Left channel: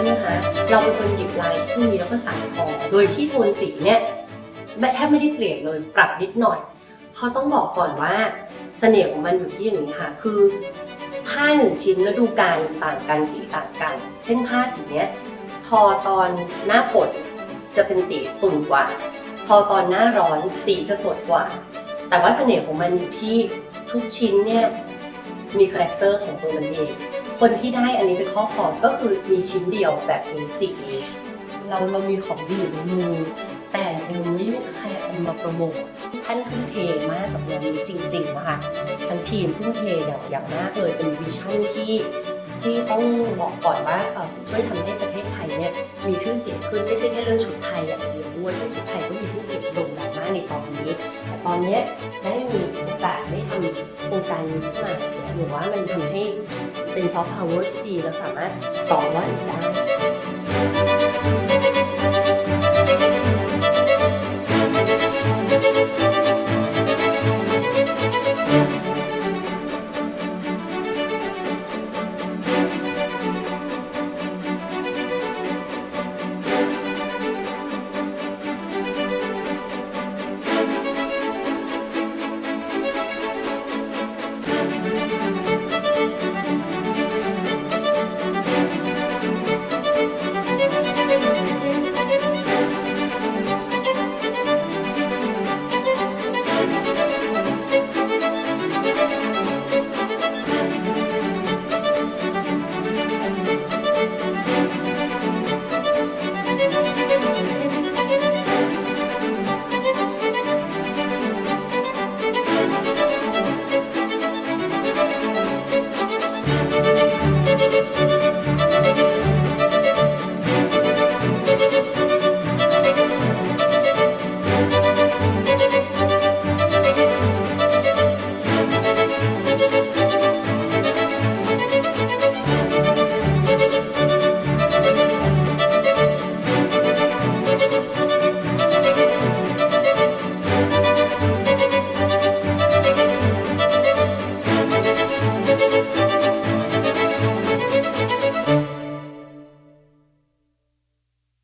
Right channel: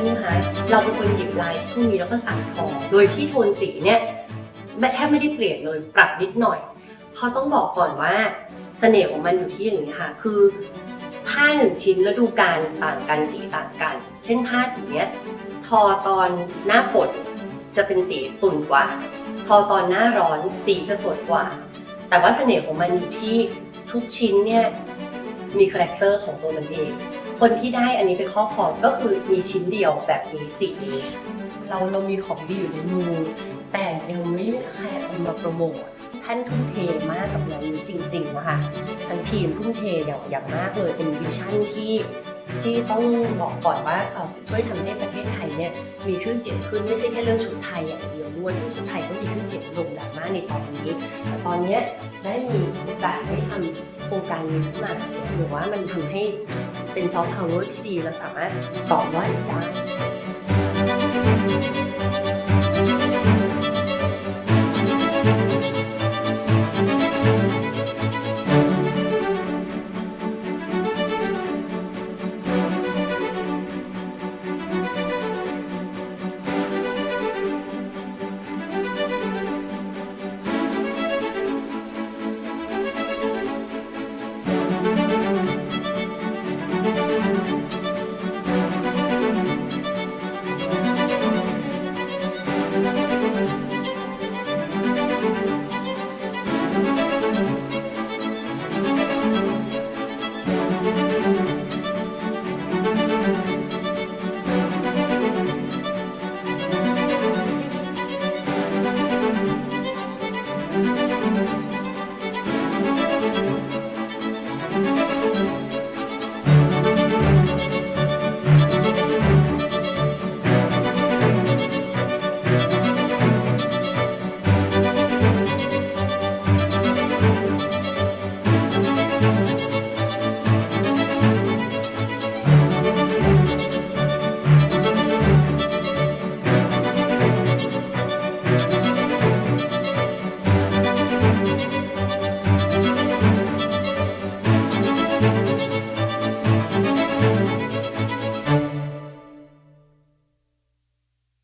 ช่ไหมคะเราเป็นคนหยิบลายที่พวกนี้แล้วก็ใส่ทอโดยที่โทนสีเนี่ยแทบไม่ได้เปลี่ยนเลยปรับนิดหน่อยเพราะต้องบอกก่อนว่าเสน่ห์ของมันอยู่ที่อย่างนี้ค่ะคือผ้าหนึ่งชิ้นแล้วดูการต่างกันสีต่างกันเช่นผ้าสีเนี้ยทอตอนหน้าฝนจะเป็นสีตุ่นกว่าทอตอนหน้าร้อนสีจะสดกว่าแต่ว่าเสน่ห์ของมันอยู่ที่ทุกชิ้นเนี่ยมีคาแรคเตอร์ของตัวมันเองคนที่ได้อันนี้เป็นข้อคอก็คือมีชิ้นเดียวแบบนี้สีนี้เรามีของดีอยู่ในมือแต่ยังไม่มีใครเอามาโปรโมทท่านทุ่มเทมากกับงานนี้จริงๆนะคะทั้งทีมทุ่มเทอย่างมากเลยเป็นวิชั่นที่ต้องบอกก่อนว่าช่วยทำให้ประเทศไทยเนี่ยมีชื่อเสียงขึ้นไม่ใช่แค่เรื่องชุดไทยอย่างเดียวด้วยที่ชุดไทยก็มีชื่อเสียงโด่งดังมากในตอนนี้แต่ตอนนี้ได้มีโอกาสได้ทำโครงการนี้ขึ้นมาเนี่ยหรือว่ามันทำให้เป็นซอฟต์พาวเวอร์ที่ดีและสามารถต่อยอดได้